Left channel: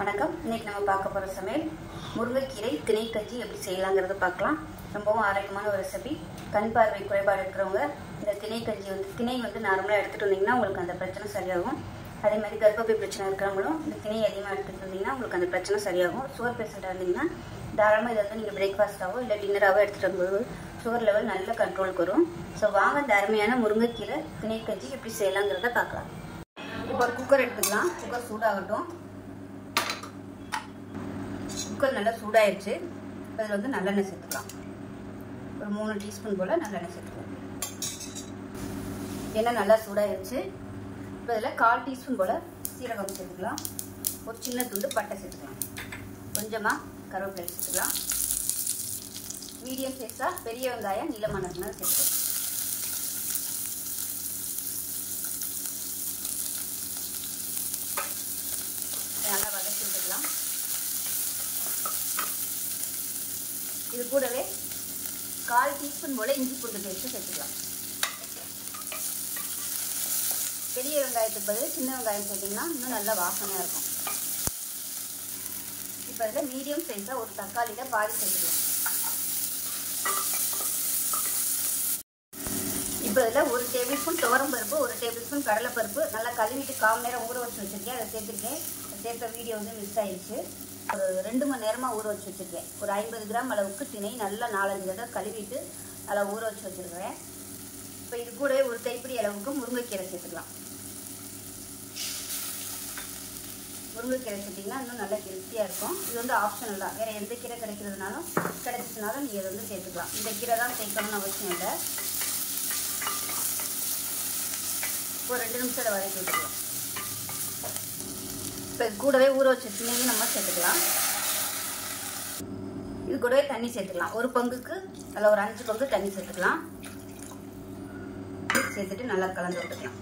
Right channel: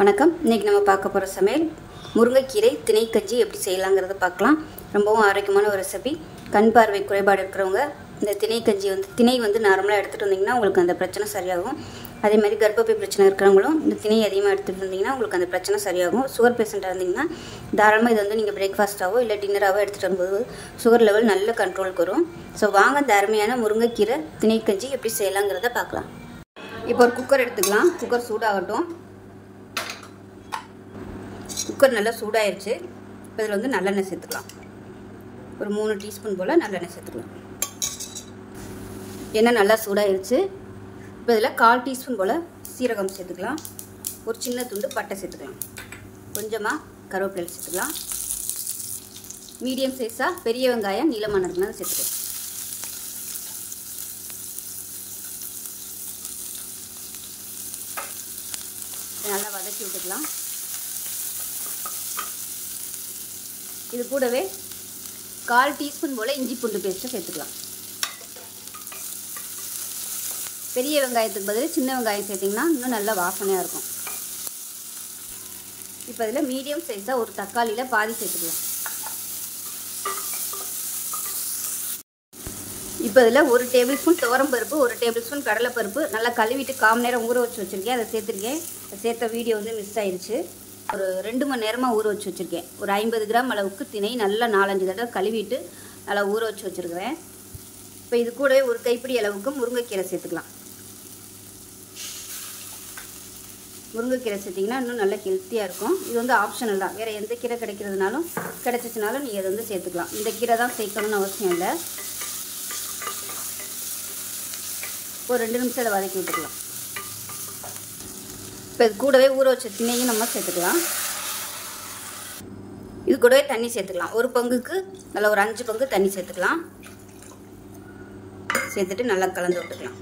வணக்கம். இன்னைக்கு நம்ம பார்க்க போகிற சமையல் முருங்கைக்கீரை திணை கஞ்சி எப்படி செய்யலாங்கிறத பார்க்கலாம். ரொம்பவும் ஆரோக்கியமான ஒரு ரெசிபி. கண் பார்வை குறைபாடு இருக்கிறவங்க இந்த திணை கஞ்சி திணை நார்மலாக எடுத்துகிட்டு வந்தீங்கன்னா உங்களுக்கு அந்த பிரச்சனை சரியாகும். அதே மாதிரி கர்ப்பப்பை பிரச்சனை இருக்கிறவங்களும் இந்த திணை அதிகமாக எடுத்துகிட்டு வந்தீங்கன்னா உங்களுக்கு அந்த பிரச்சனை சரியாகும். சுகர் பேஷண்ட்டாக இருந்தீங்கன்னா தாராளமாக இது நீங்கள் பிரேக்ஃபாஸ்ட்டாவோ இல்லை டின்னராகவோ எடுத்துகிட்டு வரும்போது சுகர் லெவல் நல்ல கண்ட்ரோலுக்கு வரும். ஸோ வாங்க இந்த அருமையான முருங்கைக்கீரை திணை கஞ்சி எப்படி செய்யலாங்கிறத பார்க்கலாம். இப்போ ஒரு குக்கர் எடுத்துக்கலாம். குக்கர் சூடாகட்டும். குக்கர் நல்லா சூடாயிருச்சு. இப்போ இதில் நல்லெண்ணெய் சேர்த்துக்கலாம். ஒரு 3 டீஸ்பூன் போல் நல்லெண்ணெய் சேர்த்துக்கலாம். எண்ணெய் நல்லா சூடாயிருச்சு. இப்போ இதில் 1/4 டீஸ்பூன் போல் சீரகம் சேர்த்துக்கலாம். ஒரு சின்ன துண்டு பட்டை சேர்த்துக்கலாம். கொஞ்சமாக கருவேப்பிலை சேர்த்துக்கலாம். மீடியம் சைஸாக பெரிய வெங்காயம் நீளமானதுனால சேர்த்துக்கலாம். நல்லா வதக்கி விட்டுக்கலாம். இது கூடவே 1/4 டீஸ்பூன் போல் இஞ்சி பூண்டு பேஸ்ட்டை சேர்த்துக்கலாம். பெரிய வெங்காயத்துக்கு பதில் சின்ன வெங்காயம் சேர்த்திங்கன்னா இன்னும் நல்லா வாசனையாக இருக்கும். இப்போ இதில் மீடியம் சைஸாக ஒரு தக்காளியில் பாதி சேர்த்துக்கலாம். இப்போ இதில் 1 டேபிள் ஸ்பூன் துவரம் பருப்பு, 1 டேபிள் ஸ்பூன் கடலைப்பருப்பு நல்லா கழுவிட்டு 1/4 மணி நேரம் ஊற வச்சு வச்சுருக்கேன். அதை சேர்த்துருக்கேன். சேர்த்த வீடியோ மிஸ் ஆயிடுச்சு. ஒரு 2 மணி நேரமாக ஊற வச்சு வச்சுருக்கேன். ஒரு 50 கிராம் அளவுக்கு திணை நல்லா 4-5 தடவை கழுவிட்டு நல்லா ஊற வச்சு வச்சுருக்கிறேன். இப்போ இது கூட ஒரு கைப்பிடி அளவுக்கு முருங்கைக்கீரை சேர்த்துக்கலாம். முருங்கைக்கீரை சேர்த்திங்கன்னா இன்னும் நல்லா ஹெல்த்தியாக இருக்கும். இது ஆப்ஷனல் தான். வேறு எந்த கீரை கிடைக்கிறதுனாலும் கிடைச்சிச்சுனாலும் நீங்கள் அதை சேர்த்துக்கலாம். இந்த கீரை தான் சேர்க்கணும்னு அவசியம் இல்லை. ஒரு 2 நிமிஷத்தில் வதக்கி விட்டுக்கலாம். இப்போ இது கூடவே ஊற வச்ச திணையும் நம்ம சேர்த்துக்கலாம். இது கூடவே தண்ணி சேர்த்துக்கலாம். ஒரு பங்குக்கு நல்லா ஒரு 5 பங்கு தண்ணி சேர்த்துக்கலாம். சேர்த்துட்டு நல்லா கலந்து விட்டுக்கலாம்.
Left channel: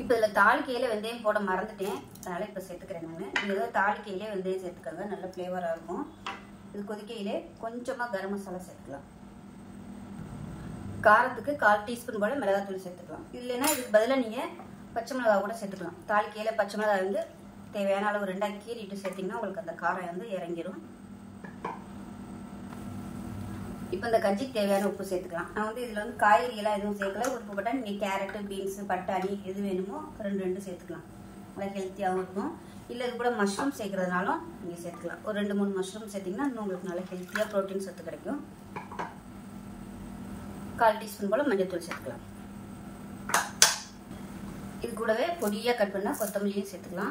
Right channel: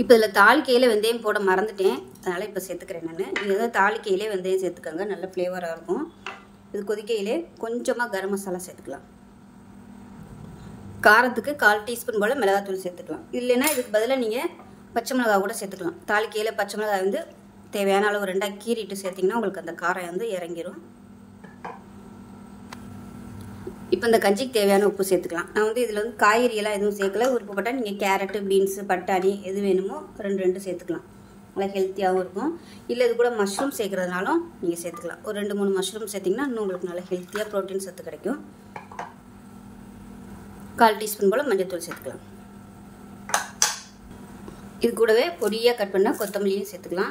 இப்போ இதில் தாளிக்கையில் வெந்தயம் போட மறந்துட்டேன். அதனால் இப்போ சேர்த்துக்கிறேன் நான். நீங்கள் தாளிக்கையிலே வெந்தயம் சேர்த்துக்கோங்க. நல்ல ஃப்ளேவராக இருக்கும். இது கொதிக்கையிலே கொஞ்சமாக கரம் மசாலா சேர்த்துக்கலாம். காரத்துக்கு 1/4 டீஸ்பூன் போல் மிளகாத்தூள் சேர்த்துக்கலாம். இல்லைன்னா இதுக்கு பதிலாக நீங்கள் பச்சை மிளகாய் கூட சேர்த்துக்கலாம். தாளிக்கையில் பச்சை மிளகாய் தேவையான அளவு 2ஆக கீறிட்டு சேர்த்திங்கன்னா உங்களுக்கு அந்த காரம் இறங்கிடும். இப்போ இந்த கஞ்சிக்கு தேவையான உப்பு சேர்த்துக்கலாம். நான் இதில் காய்கறியெல்லாம் எதுவும் சேர்க்கல. உப்பு போட்டால் நீங்கள் கேரட்டு, பீன்ஸு, பட்டாணி எது வேணுமோ 2 சேர்த்துக்கலாம். நல்லா ஹெல்த்தியாகவும் இருக்கும். இல்லை இது கூட மஷ்ரூம் சேர்க்குறதுனாலும் நீங்கள் சேர்த்துக்கலாம். ஒரு 2-3 மஷ்ரூம் சேர்த்திங்கன்னா இன்னும் உங்களுக்கு நல்லா ஹெல்த்தியாக ப்ரோட்டீன் சத்து கிடைக்கும். 1/4 டீஸ்பூன் போல் மஞ்சள் சேர்த்துக்கலாம். இது கூடவே பொடியாக கட் பண்ணால் கொத்தமல்லியும் சேர்த்துக்கலாம்.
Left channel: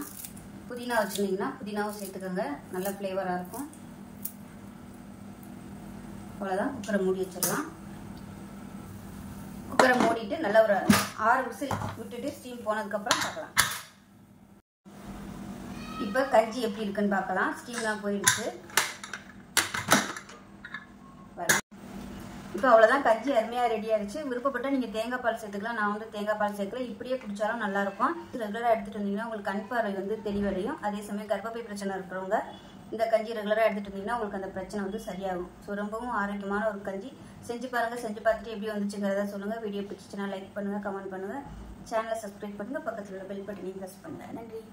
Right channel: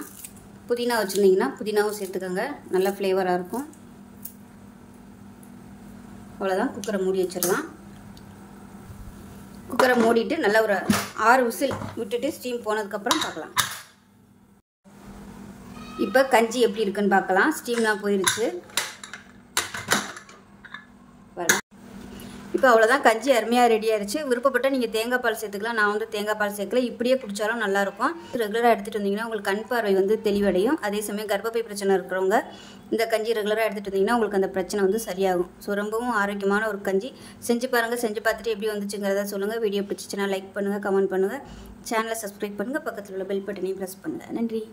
புதினா வச்சுருந்தீங்கன்னா புதினாவும் சேர்த்துக்கோங்க. நல்ல ஃப்ளேவராக இருக்கும். அவ்வளோதான். குக்கரை மூடி வச்சிடலாம். குக்கரை மூடிட்டு நல்லா ஒரு 6 விசில் விட்டுட்டு ஸ்டீம் போனதுக்கப்புறம் பார்க்கலாம். இப்போ கஞ்சி எப்படி இருக்குன்னு பார்க்கலாம். ஸ்டீம்லாம் போயிடுச்சு. இப்போ அவ்வளோதான். கஞ்சி அருமையாக ரெடி ஆயிடுச்சு. விருப்பப்பட்டால் நீங்கள் தேங்காய் பால் சேர்த்துக்கலாம். நான் தேங்காய் பால் சேர்க்கல. இப்படியே குடித்தாலும் நல்லாயிருக்கும். ரெகுலராக எடுத்துகிட்டு வந்தீங்கன்னா உங்களுக்கு கண் பார்வை தெளிவடையும். அதே சமயம் கர்ப்பப்பை பிரச்சனை இருக்கிறவங்க இந்த கஞ்சி ரெகுலராக எடுத்துகிட்டு வந்தீங்கன்னா உங்களுக்கு அந்த பிரச்சனை சரியாகும். ஸோ ரொம்பவும் ஆரோக்கியமான ஒரு கஞ்சி. செஞ்சு பாருங்கள். செஞ்சு பார்த்துட்டு எப்படி வந்துச்சுங்கிறத சொல்லுங்கள். வீடியோ பிடிச்சிச்சுன்னா லைக் பண்ணுங்கள், கமெண்ட் பண்ணுங்கள். சேனலை சப்ஸ்கிரைப் பண்ணுங்கள். பக்கத்தில் உள்ள பெல் பட்டனையும் ப்ரெஸ் பண்ணுங்கள். நன்றி.